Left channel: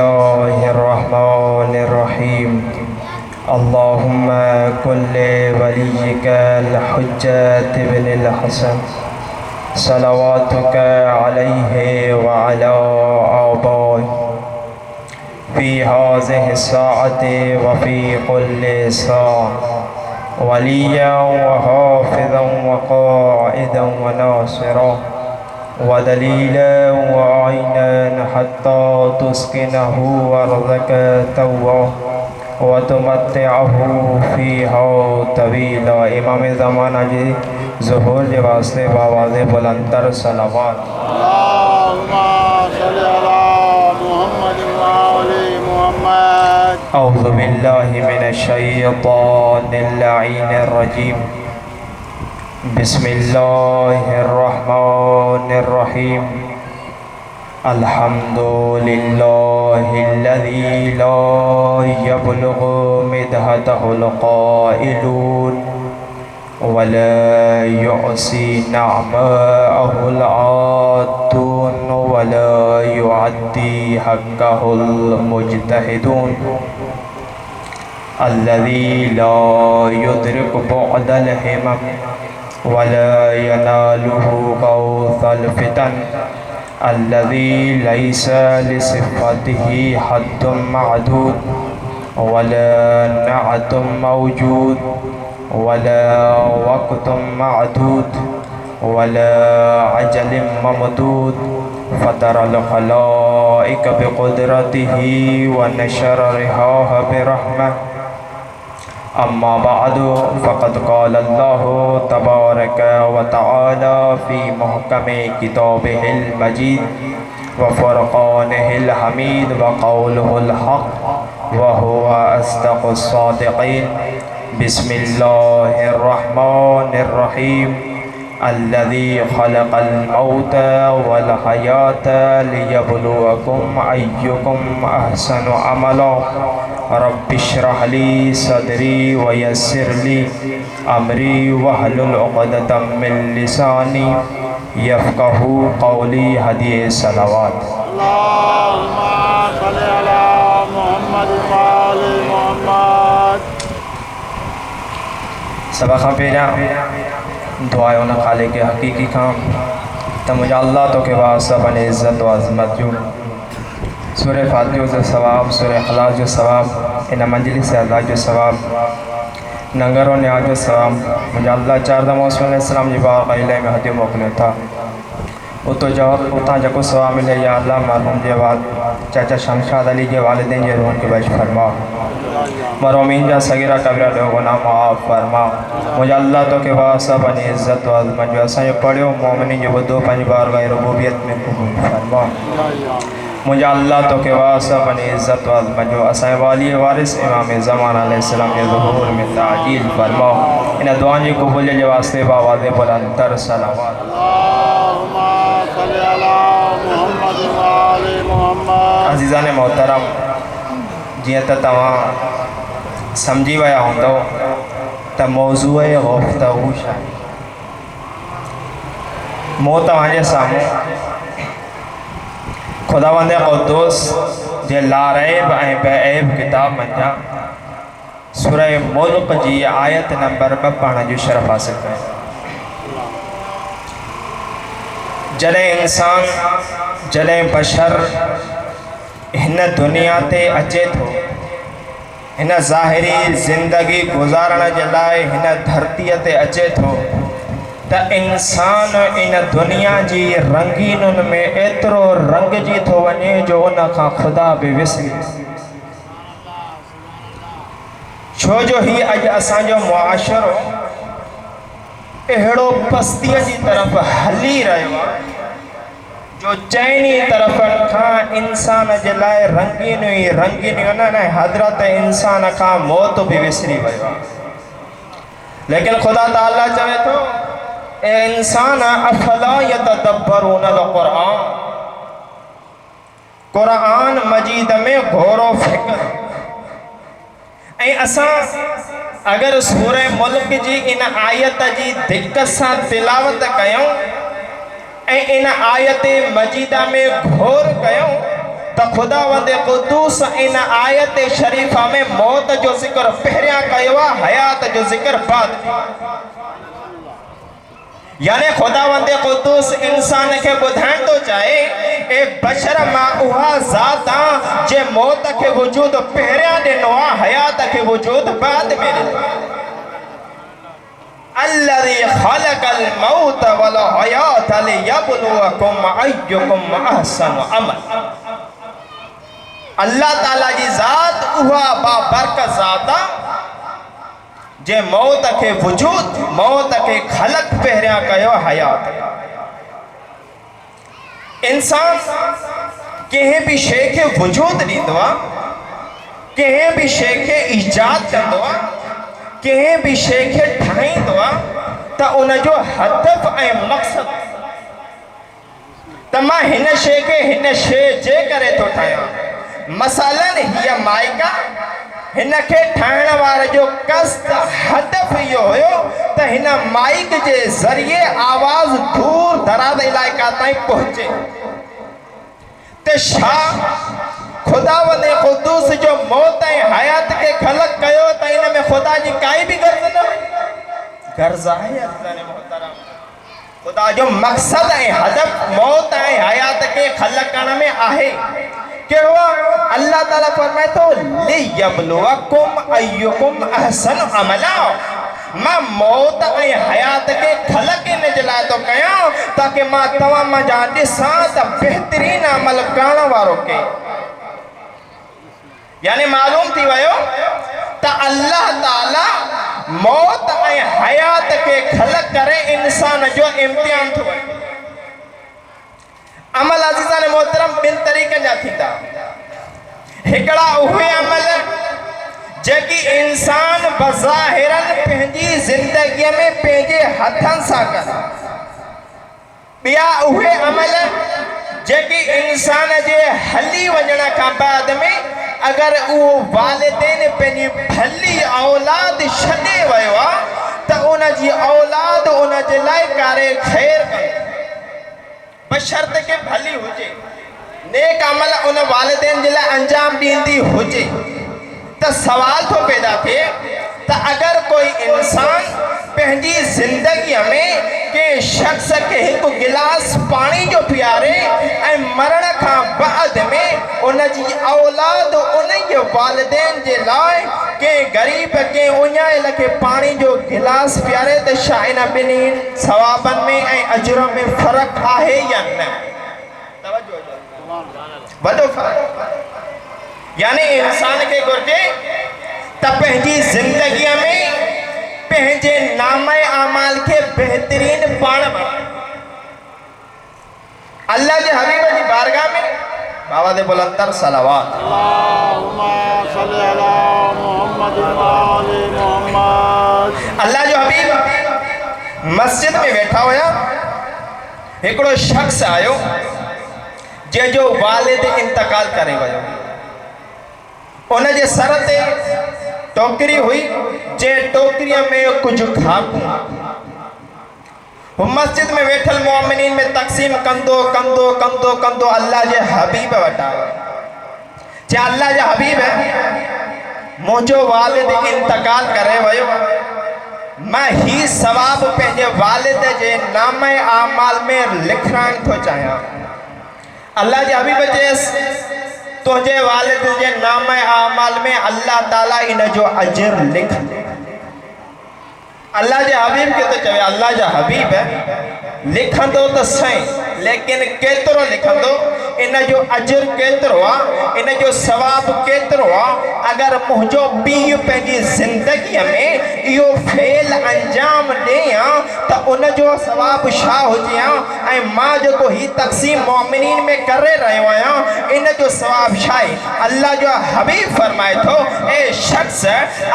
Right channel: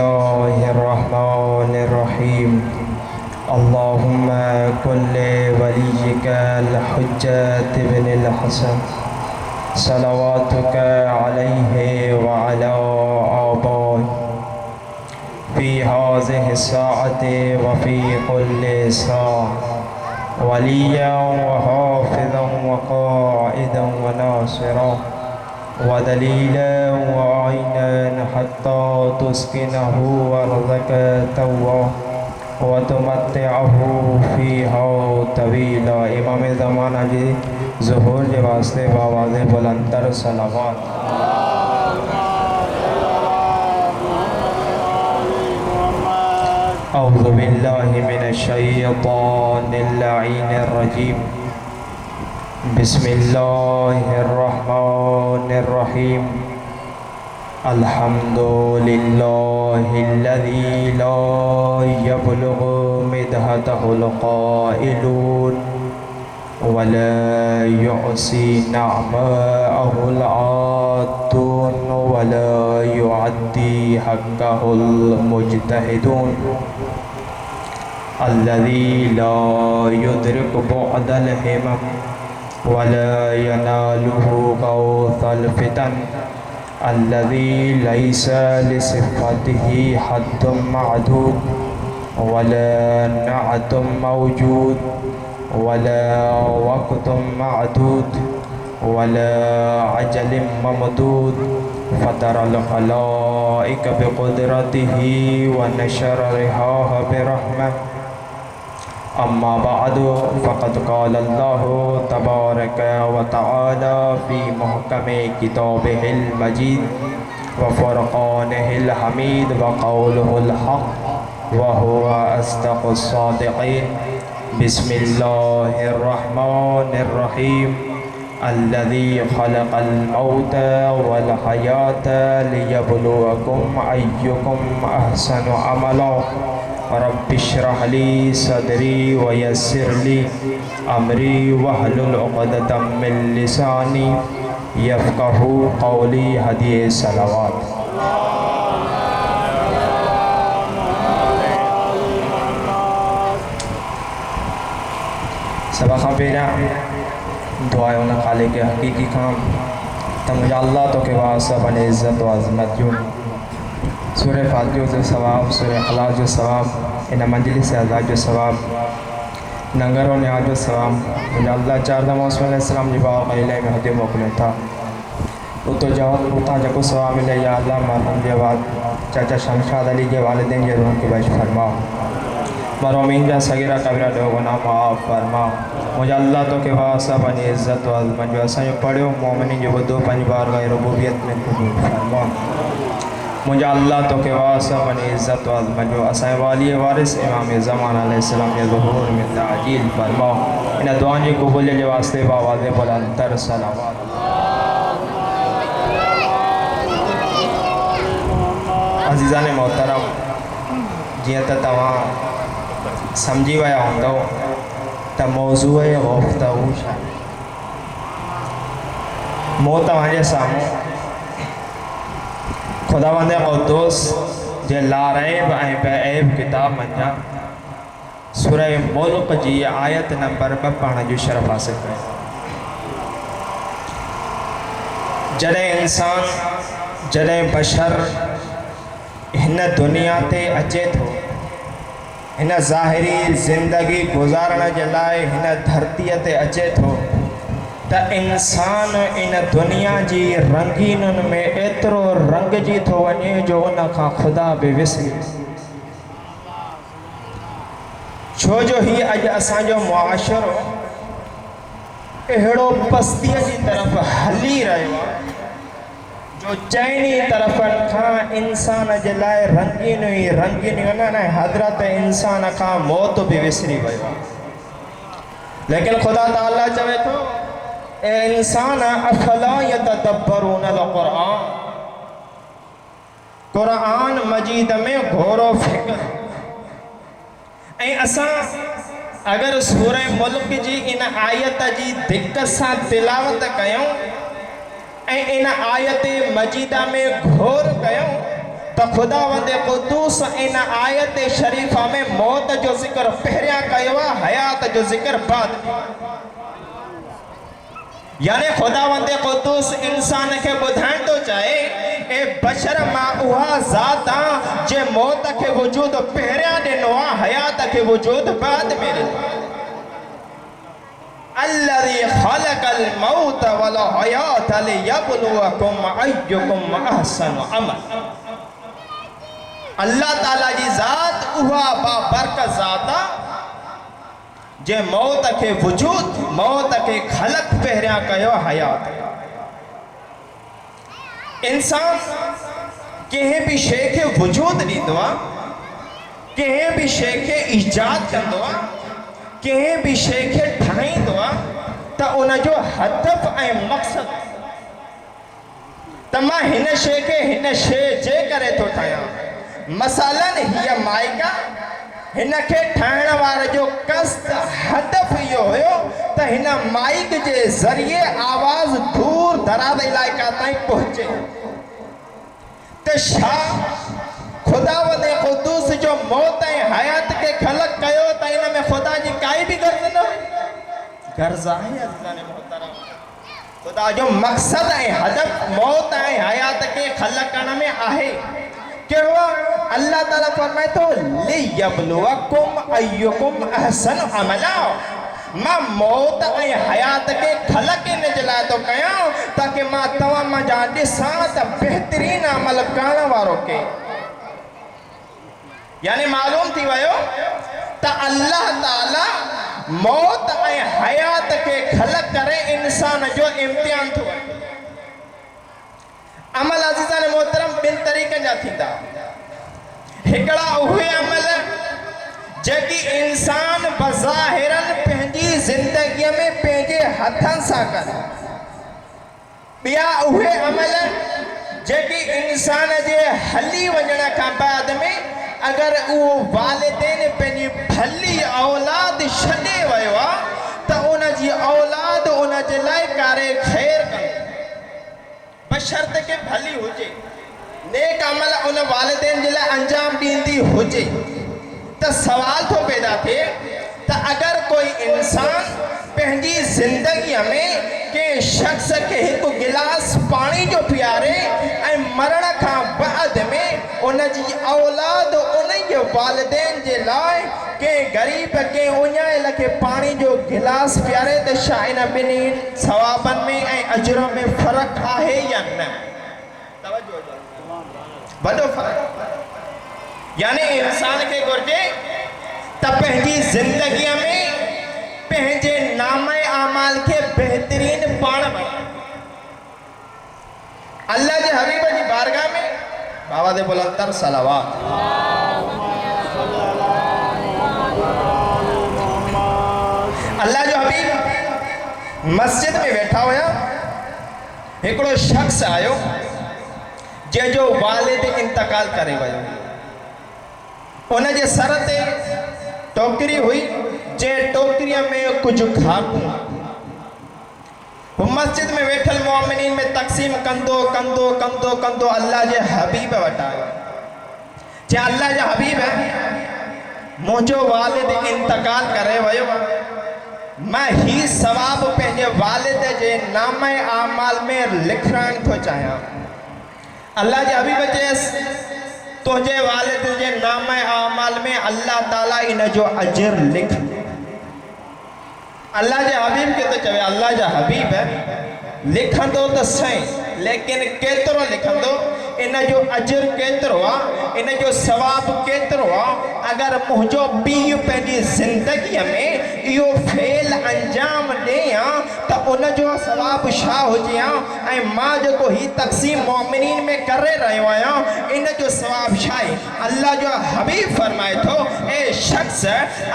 बिस्मिल्लाहिर्रहमानिर्रहीम। अल्लाहुम्मा कुल्ले वलिय्यिकल हुज्जत इब्निल हसन सलवातुका अलैहि व अला आबाई फ़ी हाज़िहि स्साअति व फ़ी कुल्लि साअ वलिय्यन व हाफ़िज़न व क़ाइदन व नासिरा व दलीलन व आइनन हत्ता तुस्किनहु अर्ज़क़तहु व तुमत्तिअहु फ़ीहा तवीला। इमाम ज़माना जी ज़ुहूर के वास्ते बावाज़े बुलंदतर सलावत। औज़ु बिल्लाहि मिनश शैतानिर लईनिर रजीम। बिस्मिल्लाहिर्रहमानिर्रहीम। अल्हम्दुलिल्लाहिल्लज़ी ला यब्लुगु मिदहतहुल क़ाइलून वला युअसी नअमअहुल आतून वला युअद्दी हक़्क़हुल मुज्तहिदून। अल्लज़ी ला युद्रिकु बुअदल हिमम वला यनालुहु गौसल फितन। अल्लज़ी लैसा लिसिफ़तिही हद्दुम मअदूद वला नअतुम मौजूद वला वक़्तुम मअदूद वला अजलिम ममदूद। फ़तरल ख़लाइक़ बिक़ुदरतिही व नशर रिहाह बिरहमह। अम्मा बअदु फ़क़द क़ाल अल्लाहु तबारक व तआला फ़ी मुहकमि किताबिहिल मजीद व फ़ुरक़ानिहिल हमीद व क़ौलुहुल हक़्क़ व हुवा अस्दक़ुस सादिक़ीन। बिस्मिल्लाहिर्रहमानिर्रहीम। अल्लज़ी ख़लक़ल मौत वल हयात लियब्लुवकुम अय्युकुम अहसनु अमला। रब्बिश्रह ली सदरी व यस्सिर ली अमरी वहलुल उक़दतम मिन लिसानी यफ़क़हू क़ौली। हदिये सलावत। सबक़ पेरा दुआ उन खाले के हकीकी काम तो मुझे अल्लाह तो के वास्ते अपनी इज़्ज़त व अज़मत जो सूरह फातिहा जो सवाब, सूरह इख़लास जो सवाब, इन मंजिलिस से आज़ाद जो सवाब, नंगरों ने आज जो सवाब मुझे अल्लाह चार दमोसम जी बाग में हदी मोकलियो था उतो जाओ उतना जको सवाब मिले। या अल्लाह मरहूम के बाद चाचा शमशाद अली के वालिदैन के रूह के बख्श फरमा। मरहूमीन जा सगीरा कबीरा गुनाह माफ़ फरमा। मुझे अल्लाह तो के वास्ते अपनी इज़्ज़त व अज़मत जो असां पढ़ियो मोमिनीन जो ॿुधो पंहिंजी बारगाह रुबूबियत में क़बूल फरमा। मुझे अल्लाह तो के वास्ते अपनी इज़्ज़त व अज़मत जो असां वाली वारिस इमाम ज़माना अलैहिस्सलाम के ज़ुहूर में ताजील फरमा। इन दुआ जी क़बूलियत के वास्ते बावाज़े बुलंदतर सलावत। अज़ीज़ान मोहतरम, जियां त तव्हां समझी विया हूंदव त मौज़ूअ गुफ़्तगू छा आहे। मूं तव्हांजे साम्हूं खुदावंद क़ुद्दूस जे लारैब ऐं बेऐब किताब मंझां सूरह मुल्क जी आयत नंबर 2 पढ़ण जो शरफ़ हासिल कयो। जॾहिं इंसान जॾहिं बशर हिन दुनिया ते अचे थो, हिन ज़ाहिरी ज़िंदगी गुज़ारण जे लाइ हिन धरतीअ ते अचे थो त इंसान इन दुनिया जी रंगीनुन में एतिरो रंगजी थो वञे जो उन खां ख़ुदा बि विसरी। छो जो ही अॼु असांजो मुआशरो अहिड़ो पस्तीअ जी तरफ़ हली रहियो आहे जो चइनी तरफ़नि खां इंसान जे लाइ रंगीनियूं ई रंगीनियूं न हज़रत इंसान खां मौत बि विसरी वियो आहे। लेकिन ख़ुदा ताला चवे थो ए इंसान अफला यतदब्बरूनल क़ुरआन। क़ुरआन मजीद में घोरो फ़िक्र ऐं असां अगर सूरह मुल्क जी इन आयत जी दिक्कत सां तिलावत कयूं ऐं इन आयत मजीदा में घोर कयूं तो खुदावंद कुद्दूस इन आयत शरीफा में मौत जो जिक्र पहिरियां कयो आहे, हयात जो जिक्र बाद। यानी खुदावंद कुद्दूस इंसान के बुधाइण तो चाहे ए बशर मां उहा ज़ात आ जे मौत के वजूद पहिरियां ॾिनो आ, हयात के वजूद बाद में ॾिनो। अल्लज़ी ख़लक़ल मौत वल हयात लियब्लुवकुम अय्युकुम अहसनु अमल। अल्लाह ताला जी ज़ात उहा बाबरकत ज़ात आ जे मौत के वजूद, मौत के खलक पहिरियां कयो हयात। इंसान कंहिं भी शइ खे वजूद ॾींदो आहे, कंहिं भी शइ खे ईजाद कंदो आहे, कंहिं भी शइ खे ठाहींदो आहे त उनजो हदफ़ ऐं मक़सद त मां हिन शइ खे हिन शइ जे करे थो ठाहियां। मसलन हीअ माइका, हिन खे ठाहिण वारे जो क़स्द हदफ़ इहो हुयो त हिन माइक जे ज़रिए आवाज़ दूर दराज इलाइक़ा ताईं पहुचे। त छा खुदावंद कुद्दूस जो मौत ऐं हयात के ख़लक़ कयो त इन में खुदा जी काई भी गर्ज़ न हुई? गर्ज़ आहे अज़ीज़ान मोहतरम। खुदा जो मक़सद ऐं हदफ़ मौत ऐं हयात के ख़लक़ करण में आहे। कहिड़ो? अल्लाह ताला फरमाए थो लियब्लुवकुम अय्युकुम अहसनु अमला। मां मौत ऐं हयात के ख़लक़ इन जे लाइ थो कयां ताकि मां तव्हां मां जा ॾिसां त बहितरीन अमल करण वारो के। यानी मालूम थी वियो त अल्लाह ताला मौत ऐं हयात के ख़लक़ करे इंसान जो इम्तिहान थो वठे। अमल अज़ीज़ान मोहतरम ॿिनि तरीक़नि जा थींदा। हिकिड़ा उहे अमल जेकी इंसान बज़ाहिरन पंहिंजी ज़िंदगीअ में पंहिंजे हथनि सां करे। ॿिया उहे अमल जेकी इंसान जे हली वञण खां बाद में अगरि उहो वालिदैन पंहिंजी भली औलाद छॾे वियो आहे त उनजी औलाद उन जे लाइ कारे ख़ैर करे, बशर्त के भली हुजे, नेक अमल उन वालिदैन जे लाइ अंजाम ॾींदी हुजे। त सवाल थो पैदा थिए त अगरि कोई इंसान पंहिंजी ज़िंदगीअ में के शख्स के हिकु गिलास पानी जो पीआरे ऐं मरण खां बाद में उनजी औलाद उन वालिदैन जे लाइ के गरीब के उञाइल खे पानी जो गिलास पीआरे त छा इन ॿिन्ही सवाबनि में ऐं अजर में फ़र्क़ु आहे या न? वॾो फ़र्क़ु। यानी इंसान खे घुर्जे त पंहिंजी ज़िंदगीअ में पंहिंजे नामे आमाल के बेहतरीन पाण बणाए। अल्लाह जे हबीब जी बारगाह में बाबा दे बुलंदर सलावत अल्लाह जो हबीब मस्जिद में बैठा हुआ। हिकिड़ो शख्स आयो जंहिंजो वालिद इंतकाल करे वियो। उन जे सर ते टोकरी हुई, जे टोकरीअ में कुछ खाकूं। वो मस्जिद में वेठल मोमिनीन में तक़सीम कंदो कंदो कंदो कंदो अल्लाह जे हबीब वटि आयो। जे अल्लाह जा हबीब मुंहिंजो वालिद इंतकाल करे वियो, मैं ही सवाब पंहिंजे वालिद जे नामे आमाल में लिखण थो चाहियां। अल्लाह जे हबीब चयसि तुझे वालिद जे नामे आमाल में अल्लाह ताला इन जो अजर लिख। अल्लाह जे हबीब के तो चवे अल्लाह जा हबीब लिखंदो तो सही, लेकिन केतिरो लिखंदो, इन जो अजर केतिरो आहे, इन जो सवाब केतिरो आहे। अगर मुंहिंजो पीउ पंहिंजी ज़िंदगीअ में इहो फेल अंजाम ॾियां त उन जो सवाब छा हुजे हा, ऐं मां जेको ही तक़सीम मोमिनीन में करे रहियो आहियां इन जो सवाब छा आहे। अल्लाह जो हबीब फरमाए थो ए शख्स,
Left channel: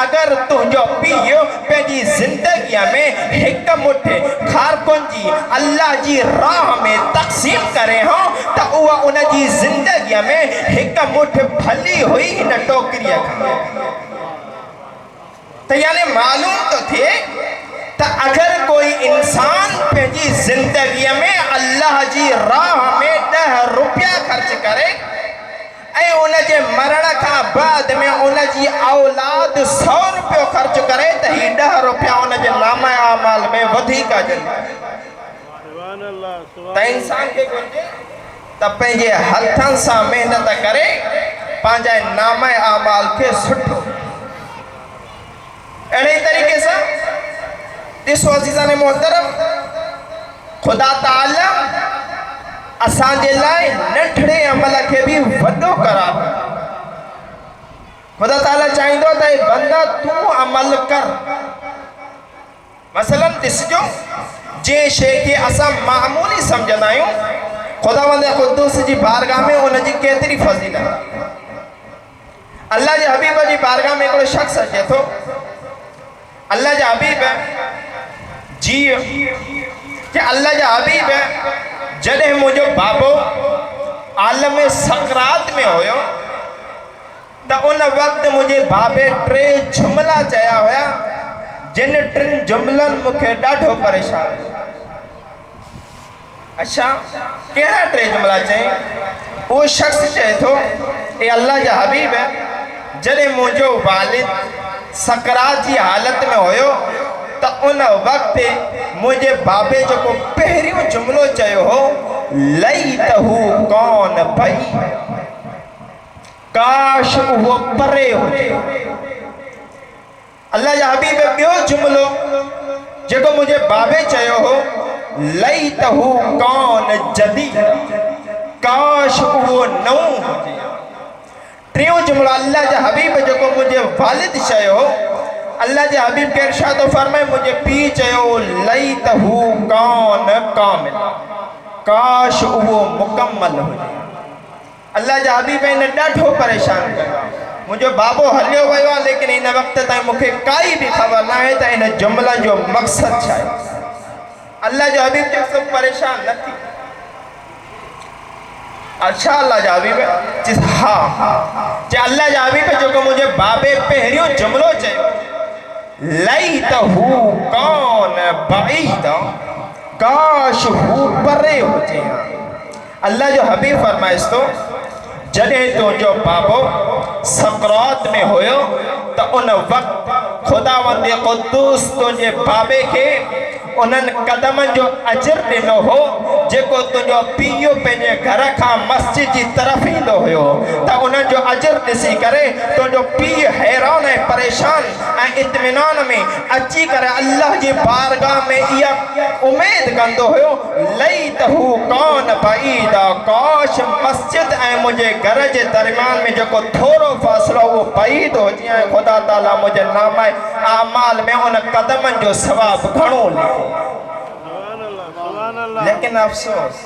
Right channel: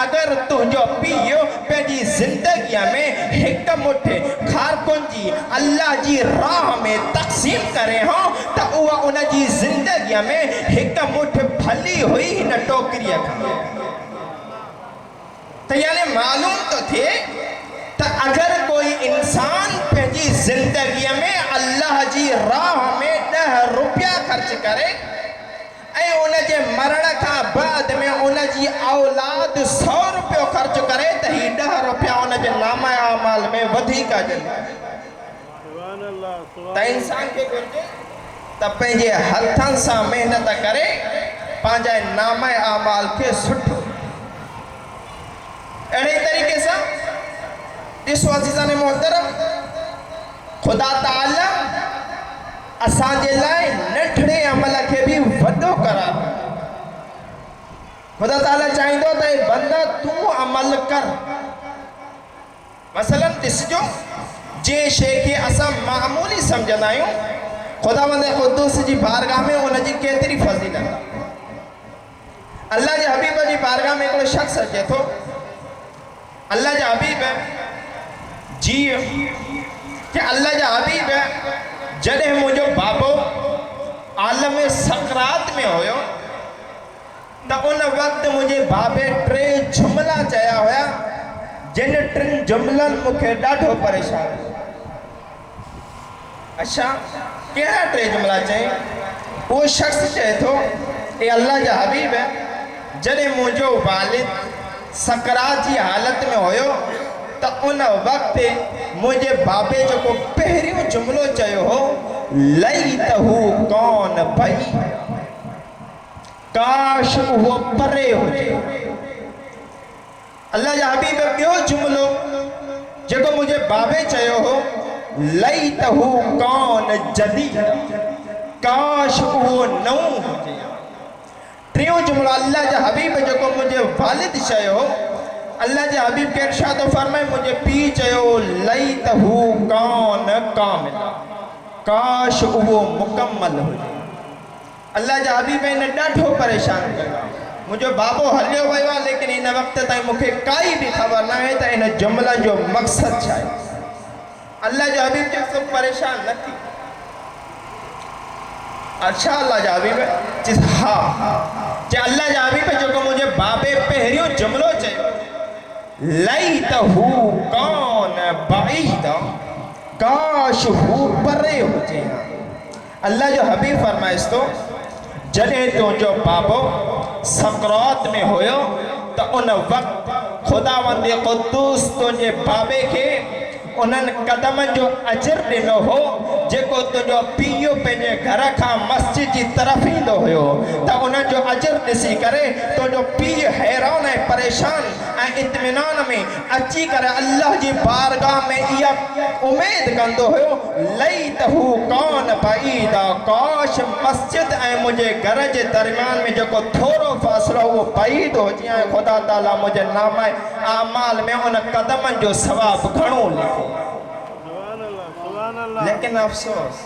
अगर तुंहिंजो पीउ पंहिंजी ज़िंदगीअ में हिकु मुठि खारकुन जी अल्लाह जी राह में तक़सीम करे हो त उहा उन जी ज़िंदगीअ में हिकु मुठि भली हुई हिन टोकरीअ खां। त यानी मालूम तो थिए त अगर कोई इंसान पंहिंजी ज़िंदगीअ में अल्लाह जी राह में 10 रुपया ख़र्च करे ऐं उन जे मरण खां बाद में उन जी औलाद 100 रुपयो ख़र्च करे त ही 10 रुपया उन जे नामा अमाल में वधीक अचनि। त इंसान खे घुरिजे त पंहिंजे हथनि सां महिनत करे पंहिंजे नामा अमाल खे सुठो। अहिड़े तरीक़े सां ॾिसो अज़ीज़ान मोहतरम, ख़ुदा ताला असांजे लाइ नंढड़े अमल खे बि वॾो करार। ख़ुदा ताला चाहींदो त बंदा तूं अमल कर। मसलन ॾिसजो, जंहिं शइ खे असां मामूली सम्झंदा आहियूं, ख़ुदावंद क़ुद्दूस जी बारगाह में उनजी केतिरी फ़ज़ीलत। अल्लाह जे हबीब जी बारगाह में हिकिड़ो शख़्स अचे थो। अल्लाह जा हबीब जी कि अल्लाह जा हबीब जॾहिं मुंहिंजो बाबो आलम सकरात में हुयो त उन वक़्तु मुंहिंजे बाबे 3 जुमला चया हुया, जिन 3 जुमलनि मूंखे ॾाढो परेशान कयो। अच्छा, कहिड़ा 3 जुमला चई? उहो शख़्स चए थो, ए अल्लाह जा हबीब, जॾहिं मुंहिंजो वालिद सकरात जी हालत में हुयो त उन वक़्तु मुंहिंजे बाबे जेको पहिरियों जुमिलो चयो हो, लईतहू कौन भई, काश उहो परे हुजे। अल्लाह जा हबीब ॿियो जुमिलो जेको मुंहिंजे बाबे चयो हो, लईतहू कौन जदी, काश उहो नओं हुजे। टियों जुमिलो अल्लाह जा हबीब जेको मुंहिंजे वालिद चयो हो, अल्लाह जे हबीब के इरशाद फरमाए, मुझे पी चयो, लईतहू कौन कामिल, काश वो मुकम्मल हुजे। अल्लाह जा हबीब इन ॾाढो परेशान कयो। मुंहिंजो बाबो हलियो वियो आहे, लेकिन इन वक़्त ताईं मूंखे काई बि ख़बर न आहे त इन जुमिला जो मक़सदु छा आहे। अल्लाह जो हबीब चयो, सभु परेशान न थी। अच्छा, अल्लाह जा हबीब हा जे अल्लाह जा हबीब जेको मुंहिंजे बाबे पहिरियों जुमिलो चयो, लईतहू कौन बईद, काश हू परे हुजे। अल्लाह जो हबीब फरमाइस तो, जॾहिं तुंहिंजो बाबो सकरात में हुयो त उन वक़्तु ख़ुदावंद क़ुद्दूस तुंहिंजे बाबे खे उन्हनि क़दमनि जो अजर ॾिनो हो जेको तुंहिंजो पीउ पंहिंजे घर खां मस्जिद जी तरफ़ ईंदो हुयो। त उन्हनि जो अजर ॾिसी करे तुंहिंजो पीउ हैरान ऐं परेशान ऐं इत्मीनान में अची करे अल्लाह जी बारगाह में इहा उमेद कंदो हुयो, लईतहू कौन बईद, काश मस्जिद ऐं मुंहिंजे घर जे दरमियान में जेको थोरो फ़ासिलो उहो बईद हुजे ऐं ख़ुदा ताला मुंहिंजे नामे आमाल में उन क़दमनि जो सवाबु घणो लिखो। लेकिन अफ़सोस,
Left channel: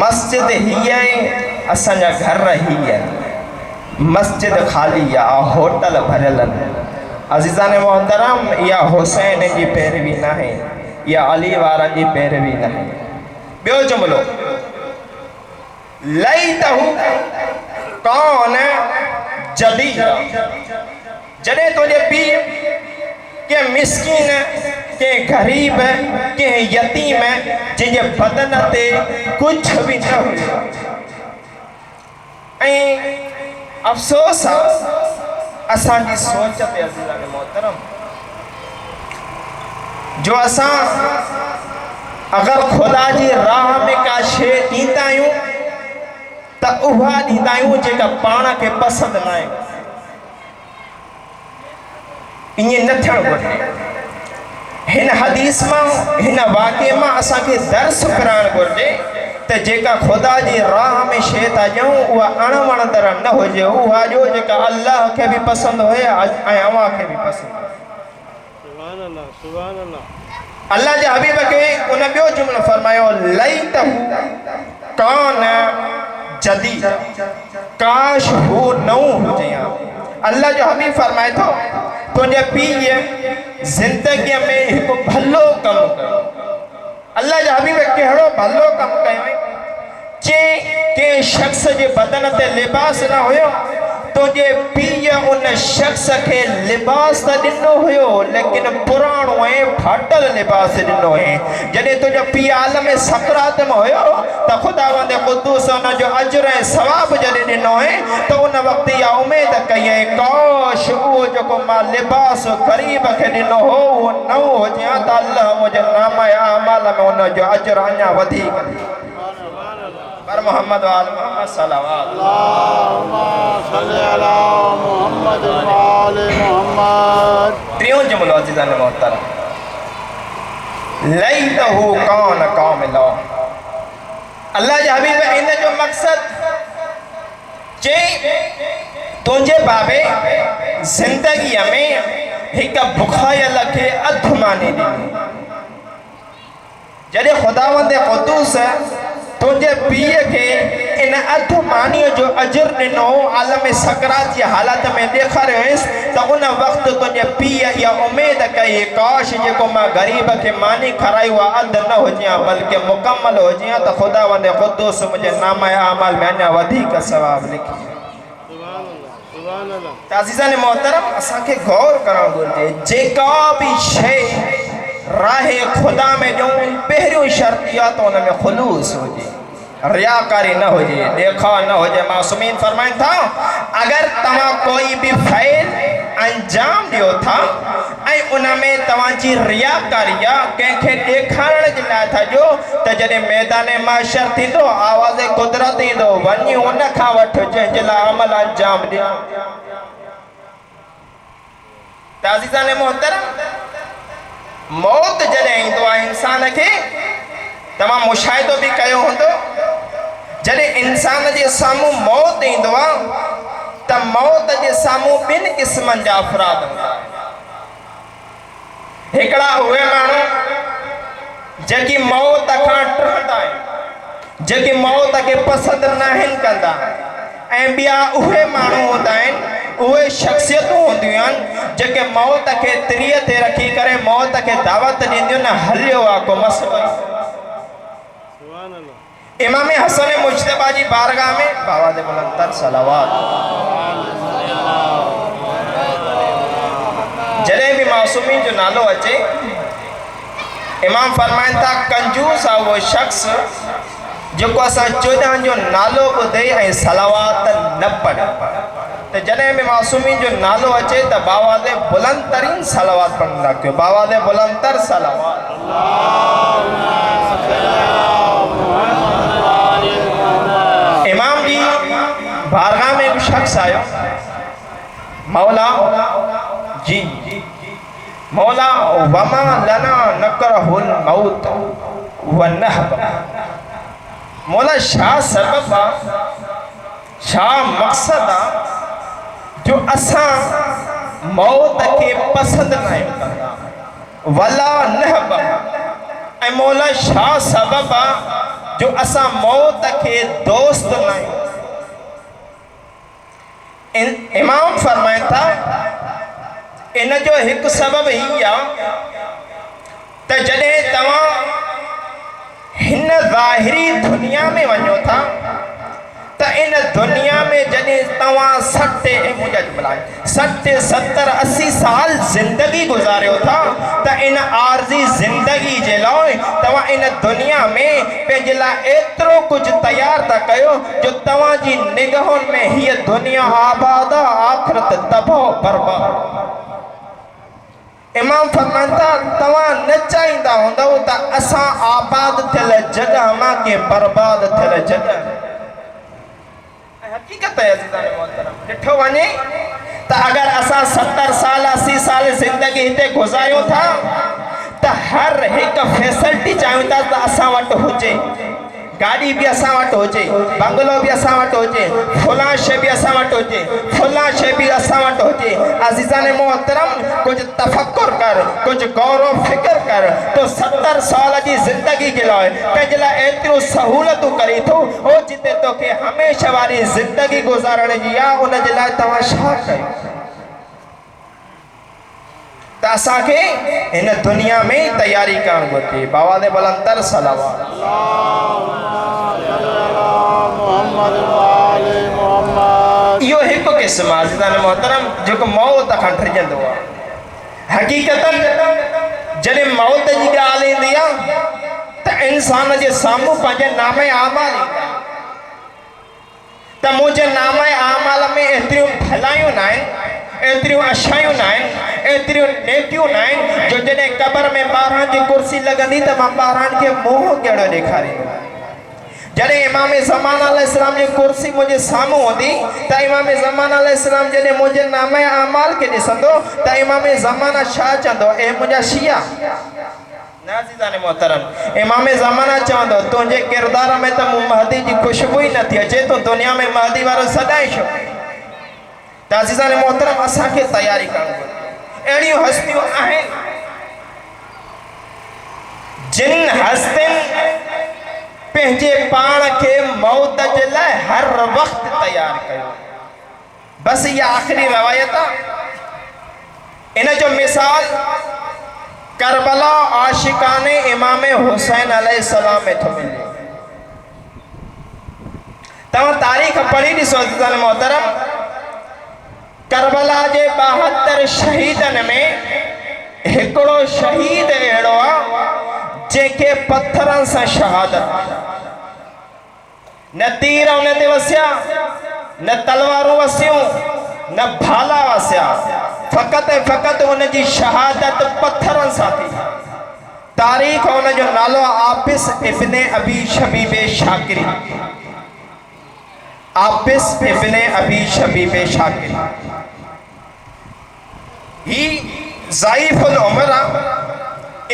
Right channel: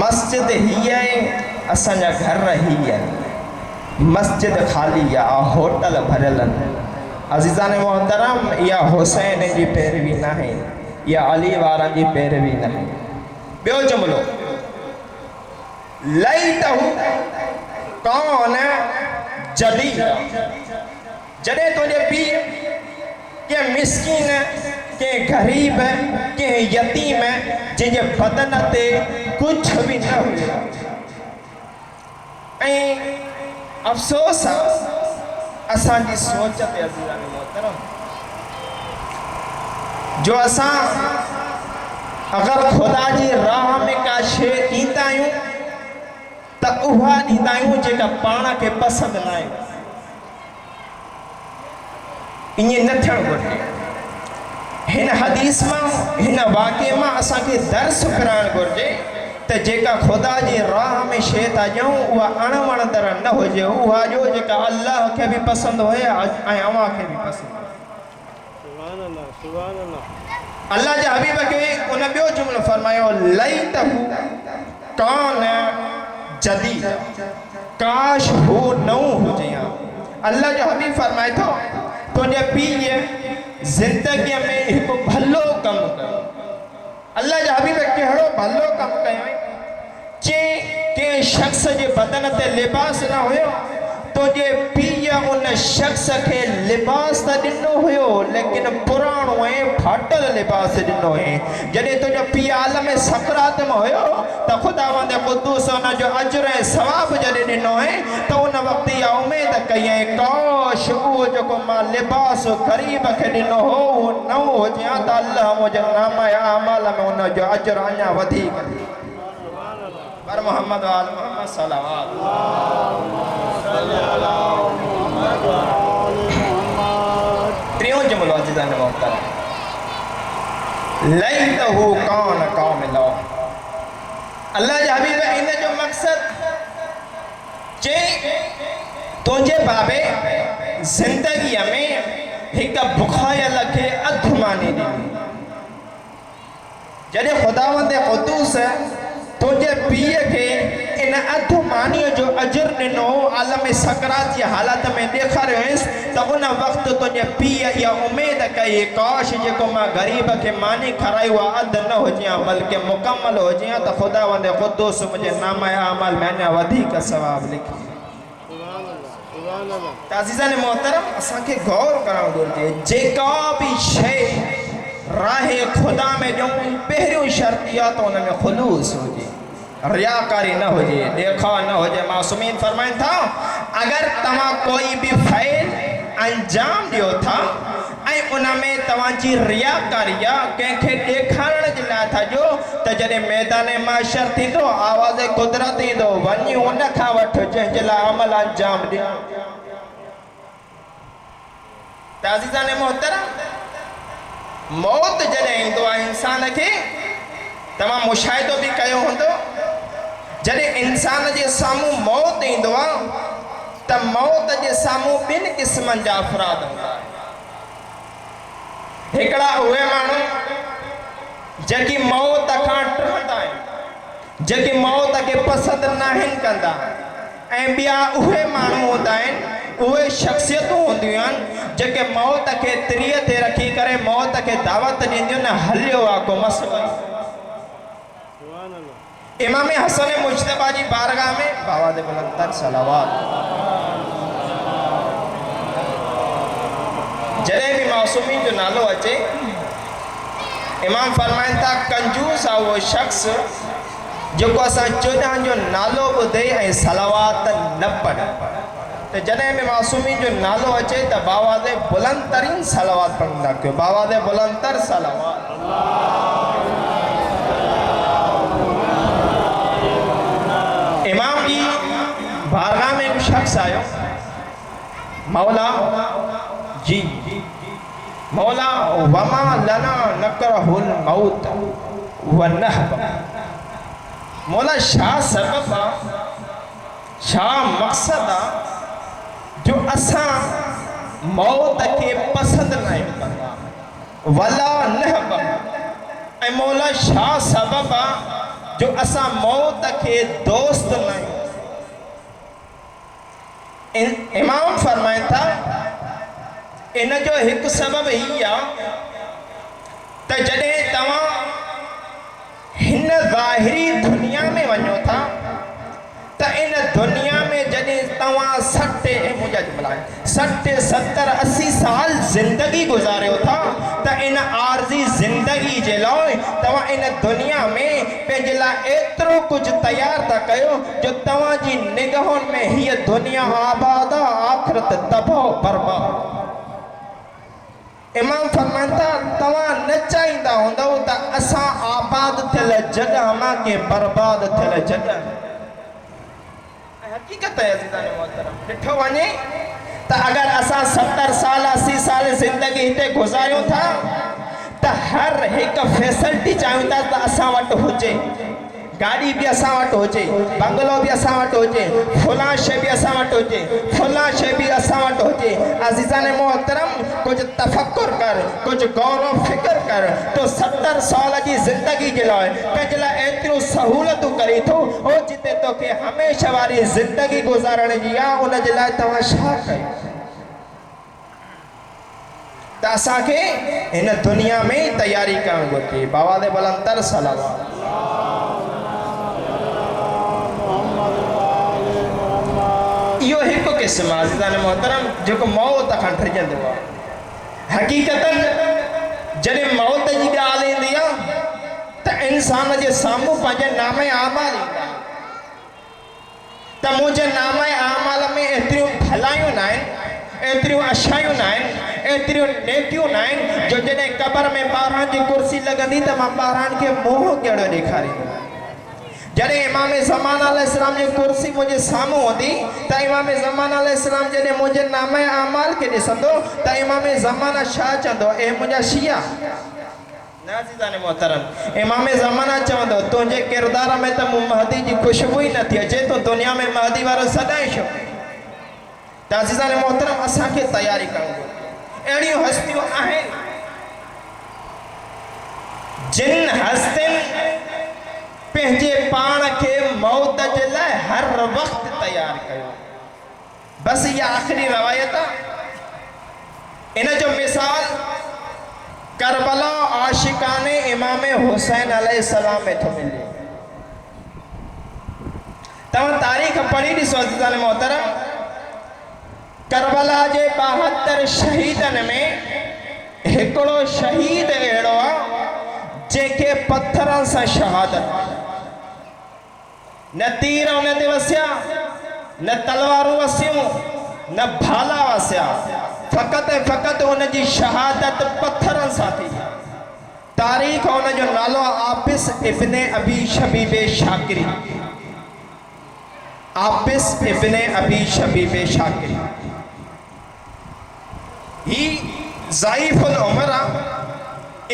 मस्जिद ही है, असांजा घर ही है, मस्जिद खाली आहे, होटल भरियल आहिनि। अज़ीज़ान मोहतरम, इहा हुसैन जी पैरवी न आहे, इहा अली वारनि जी पैरवी न आहे। ॿियो जुमिलो, लईतहू कौन जदी, जॾहिं तुंहिंजे पीउ के मिस्कीन, के गरीब, के यतीम जंहिंजे बदन ते कुझु बि न हुयो। ऐं अफ़सोस आहे असांजी सोच ते अज़ीज़ान मोहतरम, जो असां अगरि ख़ुदा जी राह में का शइ ॾींदा आहियूं त उहा ॾींदा आहियूं जेका पाण खे पसंदि न आहे। ईअं न थियणु घुरिजे। हिन हदीस मां, हिन वाक़े मां असांखे दर्स पिराइणु घुरिजे त जेका ख़ुदा जी राह में शइ था ॾियूं उहा अणवणंदड़ न हुजे, उहा ॾियो जेका अल्लाह खे बि पसंदि हुए ऐं अव्हां खे बि पसंदि हुए। सुभान अल्लाह, सुभान अल्लाह। अल्लाह जे हबीब खे उन ॿियो जुमिलो फरमायो, लईतहू कौन जदी, काश हू नओं हुजे। अल्लाह जो हबीब फरमाए थो, तुंहिंजे पीउ ज़िंदगीअ में हिकु भलो कमु कयो। अल्लाह जा हबीब कहिड़ो भलो कमु कयो? कंहिं शख़्स जे बदन ते लिबास न हुयो त तुझे पीय उन शख्स के लिबास त ॾिनो हुयो लेकिन पुराणो ऐं फाटल लिबास ॾिनो है। जॾहिं तुंहिंजो पीउ आलम सकरात में हुयो त ख़ुदावंद क़ुद्दूस उन जो अजर ऐं सवाब जॾहिं ॾिनो है त उन वक़्तु इहा उमेद कई ऐं काश उहो जेको मां लिबास ग़रीब खे ॾिनो हो उहो न हुजे हा त अल्लाह मुंहिंजे नाम अमाल में उन जो अजर अञा वधीक पर मोहम्मद वाल मोहम्मद सल्लल्लाहु अलैहि वसल्लम त्रियों जुमलो अज़ीज़ान मोहतरम लैतहु कान कामिला। अल्लाह जे हबीब इन जो मक़सद चई तुंहिंजे बाबे ज़िंदगीअ में हिकु बुखायल खे अधु मानी ॾिनी। जॾहिं ख़ुदावंद क़ुद्दूस तुझे पीए के इन अधु मानीअ जो अजर ॾिनो आलम सकरात जी हालत में ॾेखारियोसि त उन वक़्तु तुंहिंजे पीउ इहा उमेद कई काश जेको मां ग़रीब खे मानी खाराई उहा अधु न हुजे हा बल्कि मुकमल हुजे हा त ख़ुदावंद क़ुद्दूस मुंहिंजे नाम अमाल में अञा वधीक सवाब लिखी। त अज़ीज़ान मोहतरम असांखे गौर करणु घुरिजे जेका बि शइ राहे खुदा में ॾियूं पहिरियों शर्त इहा त हुन में ख़ुलूस हुजे रियाकारी न हुजे देखा न हुजे। मासूमीन फरमाइनि था अगर तव्हां कोई भी फ़ैल अंजाम ॾियो था ऐं उन में तव्हांजी रियाकारी आहे कंहिंखे ॾेखारण जे लाइ था ॾियो त जॾहिं मैदान माशर थींदो आवाज़ कुदरत ईंदो वञी उन खां वठि जंहिंजे लाइ अमल अंजाम ॾियो। त अज़ीज़ान मोहतरम मौत जॾहिं ईंदो आहे इंसान खे तमामु मुशाहिदो बि कयो हूंदो जॾहिं इंसान जे साम्हूं मौत ईंदो आहे त मौत जे साम्हूं ॿिनि क़िस्मनि जा अफ़राद हूंदा। हिकिड़ा उहे माण्हू जेकी मौत खां डरंदा आहिनि जेकी मौत खे पसंदि न आहिनि कंदा ऐं ॿिया उहे माण्हू हूंदा आहिनि उहे शख़्सियतूं हूंदियूं आहिनि जेके मौत खे तिरीअ ते रखी करे मौत खे दावत ॾींदियूं न हलियो आहे को मसलो। इमाम हसन मुज्तबा जी बारगाह में बाबा दे बुलंदतर सलावत जॾहिं भी मासूमी जो नालो अचे इमाम फरमाइनि था कंजूस आहे उहो शख़्स जेको असां 14 जो नालो ॿुधे ऐं सलावात न पढ़े। त जॾहिं भी मासूमी जो नालो अचे त बाबा दे बुलंद तरीन सलावात पढ़ंदा कयो बाबा दे बुलंदतर सलावात। इमाम जी बारगाह में एक शख्स आयो मौला जी मौला वमा लना नकरहुल मौत वनहब मौला शाह सबब शाह मकसद जो असां मौत के पसंद न कंदा वला नहब ऐं मौला शाह सबब जो असां मौत के दोस्त न इमाम फरमाइनि था इन जो एक सबब ही त जॾहिं तव्हां हिन ज़ाहिरी दुनिया में वञो था त इन दुनिया में जॾहिं तव्हां 60 70 80 साल ज़िंदगी गुज़ारियो था त इन आर्ज़ी ज़िंदगी जे लाइ तव्हां इन दुनिया में पंहिंजे लाइ एतिरो कुझु तयारु था कयो जो तव्हांजी निगाहुनि में हीअ दुनिया आबाद आख़िरत तबाह बर्बाद। इमाम फरमाइनि था तव्हां न चाहींदा हूंदव त असां आबाद थियल जॻह मां के बर्बाद थियल जॻह हकीकत है अज़ीज़ान मोहतरम ॾिठो वञे त अगर असां 70 साल 80 साल ज़िंदगी हिते गुज़ारियूं था त हर हिकु फैसिलिटी चाहियूं था त असां वटि हुजे गाड़ी भी असां वटि हुजे बंगलो भी असां वटि हुजे फलां शइ भी असां वटि हुजे फलां शइ भी असां वटि हुजे। अज़ीज़ान मोहतरम कुछ तफक्कुर कर कुछ गौर फिक्र कर तो 70 साल जी ज़िंदगी के लाइ पंहिंजे लाइ एतिरो सहूलतूं करे थो हो जिते तोखे हमेशह वारी ज़िंदगी गुज़ारण जी आहे उन जे लाइ तव्हां छा कयो त असांखे हिन दुनिया में तैयारी करणु घुरिजे। बाबा दे बुलंदतर सलावत इहो हिकु क़िस्म आज़िज़ान मोहतरम जो मौत खां ठरिजंदो आहे। हक़ीक़तन जॾहिं मौत जी ॻाल्हि ईंदी आहे त इंसान जे साम्हूं पंहिंजे नामे आमाल ईंदा आहिनि त मुंहिंजे नामे आमाल में एतिरियूं भलायूं न आहिनि, एतिरियूं अछायूं न आहिनि, एतिरियूं नेकियूं न आहिनि जो जॾहिं क़बर में 12 जी कुर्सी लॻंदी त मां 12 खे मुंहुं कहिड़ो ॾेखारींदुमि। जॾहिं इमाम ज़मान अलैहिस्सलाम जी कुर्सी मुंहिंजे साम्हूं हूंदी त इमाम ज़मान अलैहिस्सलाम जॾहिं मुंहिंजे नामे आमाल खे ॾिसंदो त इमाम ज़माना छा चवंदो, ए मुंहिंजा शिया नाज़ीज़ान मोहतरम, इमाम ज़माना चवंदो तुंहिंजे किरदार में त मूं महदी जी खुशबू ई नथी अचे, तो दुनिया में महदी वारो सदाई छो। त अज़ीज़ान मोहतरम असांखे तयारी करणु घुरिजे। अहिड़ियूं हस्तियूं आहिनि जिन हस्तियुनि पंहिंजे पाण खे मौत जे लाइ हर वक़्त तयार कयो। बसि इहा आख़िरी रवायत आहे। इन जो मिसाल करबला आशिकाने इमाम हुसैन अलैहिस्सलाम में थो मिले। तव्हां तारीख़ पढ़ी ॾिसो अज़ीज़ान मोहतरम, करबला जे 72 शहीदनि में हिकिड़ो शहीद अहिड़ो आहे जंहिंखे पत्थरनि सां शहादत, न तीर उन ते वसिया, न तलवारूं वसियूं, न भाला वसिया, फ़क़त ऐं फ़क़त उनजी शहादत पत्थरनि सां थी। तारीख़ उनजो नालो आबिस इब्ने अबी शबीब शाकिरी। आबिस इब्ने अबी शबीब शाकिरी ही ज़ईफ़ुल उमर आहे।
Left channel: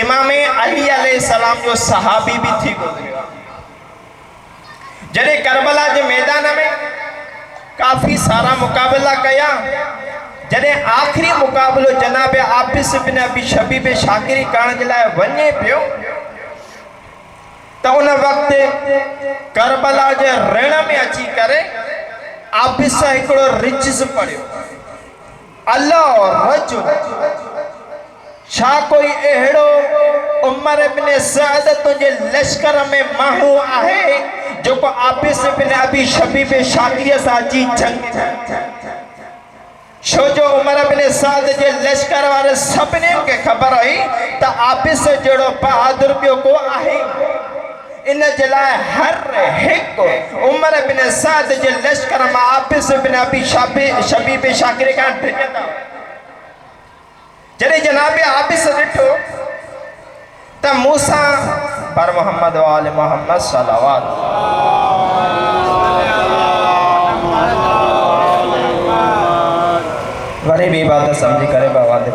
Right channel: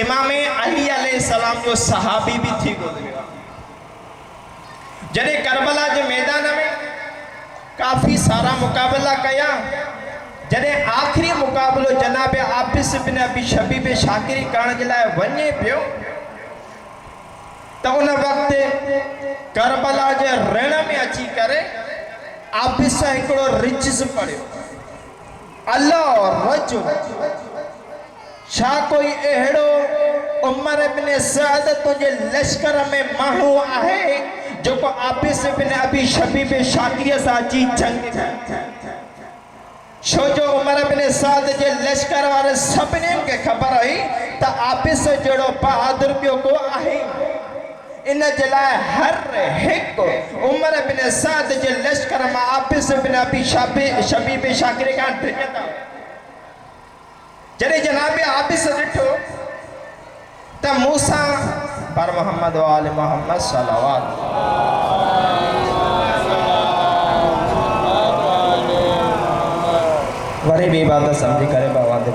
इमाम अली अलैहिस्सलाम जो सहाबी भी थी गुज़रियो। जॾहिं करबला जे मैदान में काफ़ी सारा मुक़ाबिला कया, जॾहिं आख़िरी मुक़ाबिलो जनाब आबिस इब्न अबी शबीब शाकिरी करण जे लाइ वञे पियो त उन वक़्तु करबला जे रण में अची करे आबिस हिकिड़ो रिजिज़ पढ़ियो, अल्लाह रजुल, छा कोई अहिड़ो उमर इब्न सअद तुंहिंजे लश्कर में माण्हू आहे जेको आबिस इब्न अबी शबीब शाकिरीअ सां अची जंग, छो जो उमर इब्न सअद जे लश्कर वारे सभिनीनि खे ख़बर हुई त आबिस जहिड़ो बहादुर ॿियो को आहे। इन जे लाइ हर हिकु उमर इब्न सअद जे लश्कर मां आबिस इब्न अबी शबीब शाकिरी खां डिॼंदा। जॾहिं जनाब आबिस ॾिठो त मूसा पर मोहम्मद वाले मोहम्मद सल्लल्लाहु वरी भी इबादत समझी करे बाबा दे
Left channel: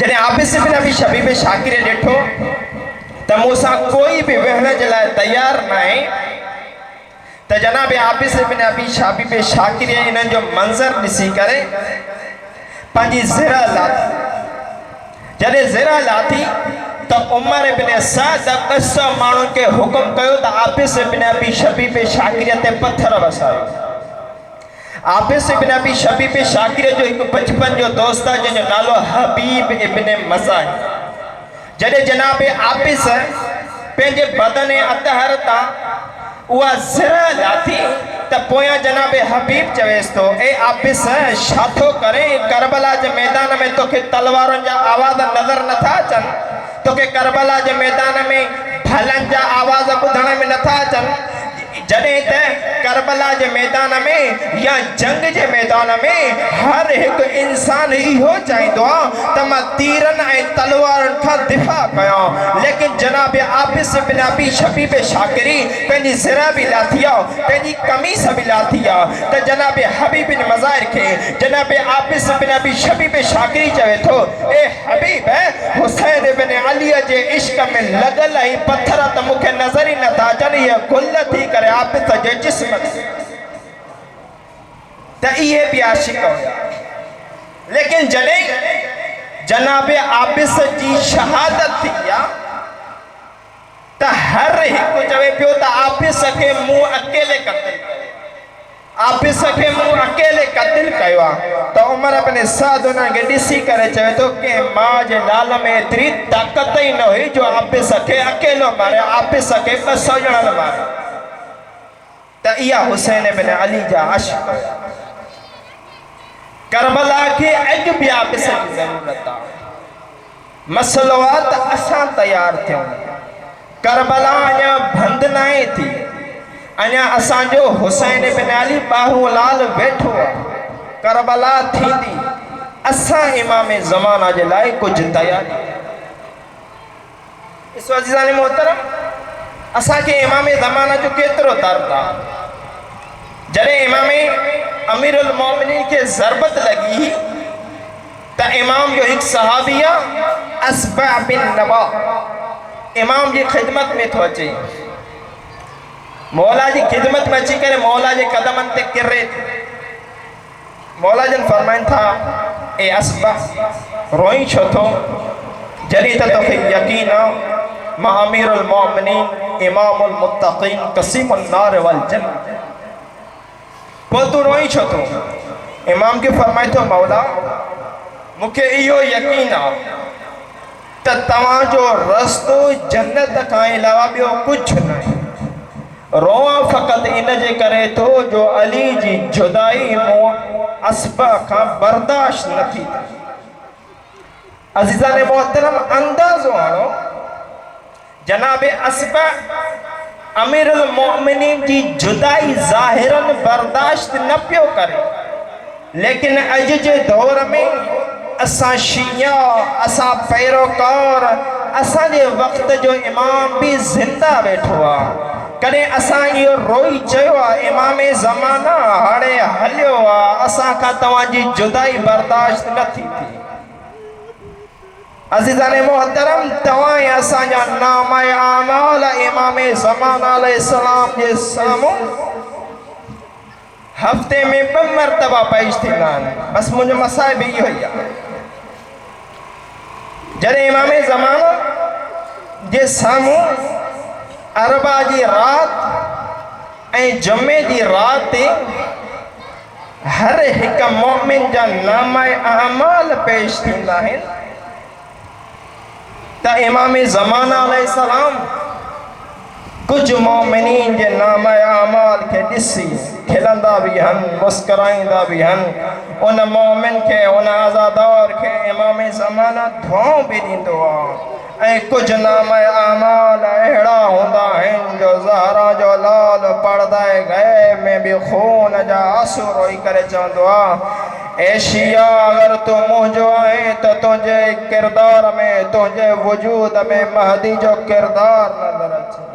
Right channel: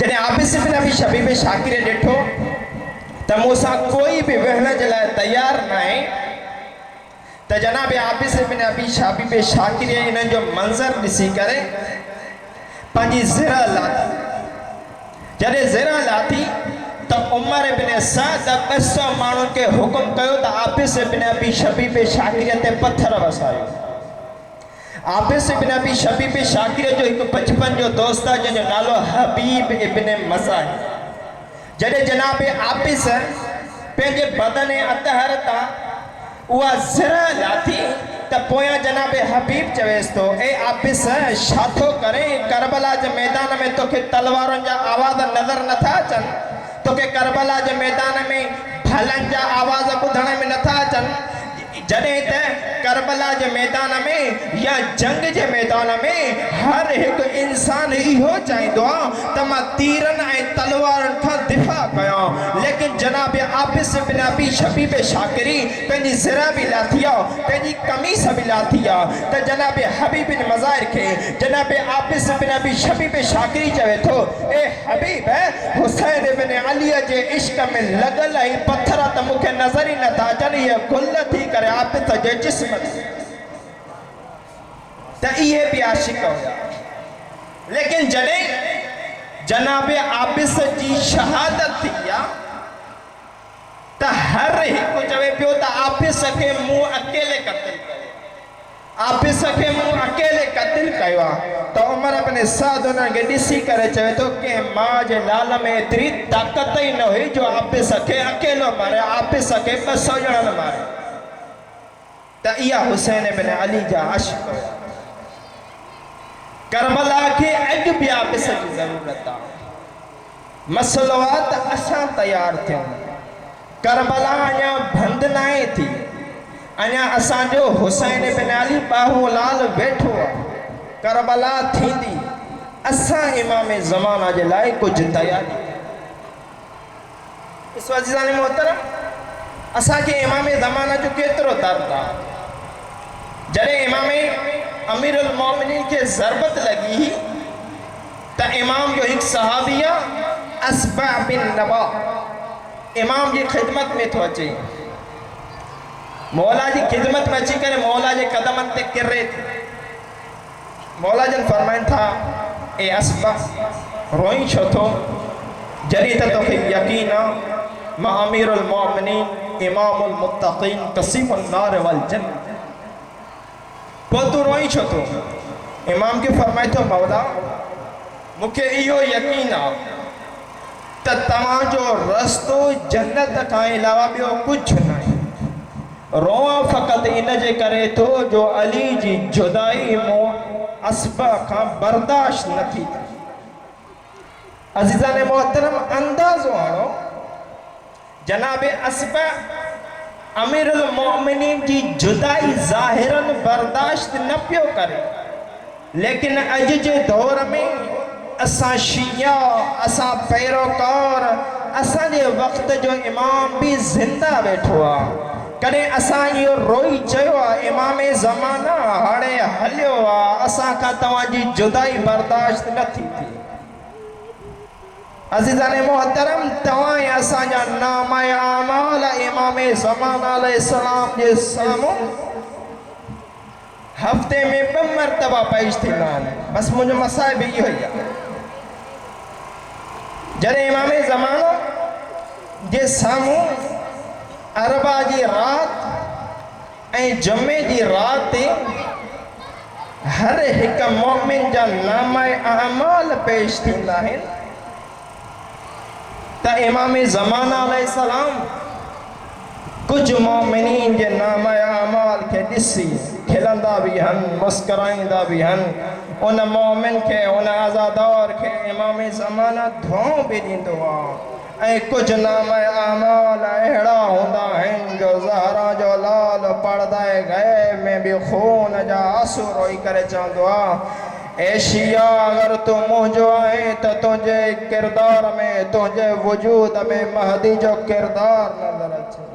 जॾहिं आबिस इब्न अबी शबीब शाकिरी ॾिठो त मूसा कोई भी वेहण जे लाइ तयार न आहे त जनाब आबिस इब्न अबी शबीब शाकिरी इन जो मंज़र ॾिसी करे पंहिंजी ज़िरा लाथी। जॾहिं ज़िरा लाथी त उमर इब्न सअद 200 माण्हुनि खे हुकुम कयो त आबिस इब्न अबी शबीब शाकिरी ते पत्थर वसायो। आबिस इब्न अबी शबीब शाकिरी जो हिकु बचपन जो दोस्त आहे जंहिंजो नालो हबीब इब्न मज़ाह। जॾहिं जनाब आबिस पंहिंजे बदन अतहर तां उहा ज़िरा लाथी त पोयां जनाब हबीब चवेसि थो, ए आबिस छा थो करे? करबला जे मैदान में तोखे तलवारुनि जा आवाज़ नज़र नथा अचनि? तोखे करबला जे मैदान में भलनि जा आवाज़ ॿुधण में नथा अचनि? जॾहिं त करबला जे मैदान में या जंग जे मैदान में हर हिकु इंसान इहो चाहींदो आहे त मां तीरनि ऐं तलवारुनि खां दिफ़ा कयां, लेकिन जनाब आबिस इब्न अबी शबीब शाकिरी पंहिंजी ज़िरा बि लाथी आहे, पंहिंजी कमीस बि लाथी आहे त जनाब हबीब बिन मज़ाहिर खे जनाब आबिस इब्न अबी शबीब शाकिरी चवे थो, ए हबीब हुसैन इब्न अली जे इश्क में लॻल ऐं पत्थर त मूंखे नज़र ई नथा अचनि, इहे गुल थी करे आबिस जे जिस्म त इहे बि आशिक़ हुया। लेकिन जॾहिं जनाब आबिस जी शहादत थी आहे त हर हिकु चवे पियो त आबिस खे मूं अकेले क़त्ल कयो, आपिस खे मूं अकेले क़त्ल कयो आहे त उमर अपने साध उनखे ॾिसी करे चवे थो कि मां जे लाल में एतिरी ताक़त ई न हुई जो आपिस खे अकेलो मारे, आपिस खे 200 ॼणा न मारे। त इहा हुसैन बिन अली जा अश्क। करबला खे अॼु बि आपिस जी ज़रूरत आहे। मसलो आहे त असां तयारु थियूं। करबला अञा बंदि न आहे थी। अञा असांजो हुसैन बिन अली बाहूलाल वेठो आहे। करबला थींदी, असां इमाम ज़माना जे लाइ कुझु तयारी। इस अज़ीज़ान मोहतरम, असांखे इमाम ज़माना जो केतिरो दर्द आहे। जॾहिं इमाम अमीरुल मोमिनीन खे ज़रबत लॻी त इमाम जो हिकु सहाबी आहे अस्बा बिन नबा, इमाम जी ख़िदमत में थो अचे। मौला जी ख़िदमत में अची करे मौला जे कदमनि ते किरे थो। मौला जन फरमाइनि था, ए अस्बा रोई छो थो? जॾहिं त तोखे यकीन आहे मां अमीरुल मोमिनीन इमामुल मुत्तक़ीन क़सीमुन नार वल जन्नत, पोइ तूं रोई छो थो? इमाम खे फरमाए थो, मौला मूंखे इहो यकीन आहे त तव्हांजो रस्तो जन्नत खां अलावा ॿियो कुझु न आहे। रोआ फ़क़ति इन जे करे थो जो अली जी जुदाई मूं अस्बा खां बर्दाश्त न थी। अज़ीज़ान मोहतरम, अंदाज़ो आणो, जनाब अस्बा अमीरुल मोमिनीन जी जुदाई ज़ाहिरन बर्दाश्त न पियो करे, लेकिन अॼु जे दौर में असां शिया, असां पैरोकार, असांजे वक़्त जो इमाम भी ज़िंदा वेठो आहे। कॾहिं असां इहो रोई चयो आहे इमाम ज़माना हाणे हलियो आहे, असां खां तव्हांजी जुदाई बर्दाश्त न थी थी। अज़ीज़ान मोहतरम, तव्हां ऐं असांजा नाम आमाल इमाम ज़माना अलैहिस्सलाम जे साम्हूं हफ़्ते में 2 मरतबा पेश थींदा आहिनि। बसि मुंहिंजो मसाइब इहो ई आहे। जॾहिं इमाम ज़माना जे साम्हूं अरबा जी रात ऐं जुमे जी रात ते हर हिकु मोमिन जा नाम अमाल पेश थींदा आहिनि त इमाम ज़माना अलैहिस्सलाम कुझु मोमिनीन जे नाम अमाल खे ॾिसी खिलंदा बि आहिनि, मुस्कुराईंदा बि आहिनि। उन मोमिन खे, उन आज़ादार खे इमाम ज़माना दुआऊं बि ॾींदो आहे। ऐं कुझु नाम अमाल अहिड़ा हूंदा आहिनि जो ज़हरा जो लाल पर्दाए गैब में बि खून जा आंसू रोई करे चवंदो आहे, ए शिया, अगर तू मुंहिंजो आहे त तुंहिंजे किरदार में, तुंहिंजे वजूद में महदी जो किरदार नज़र अचे।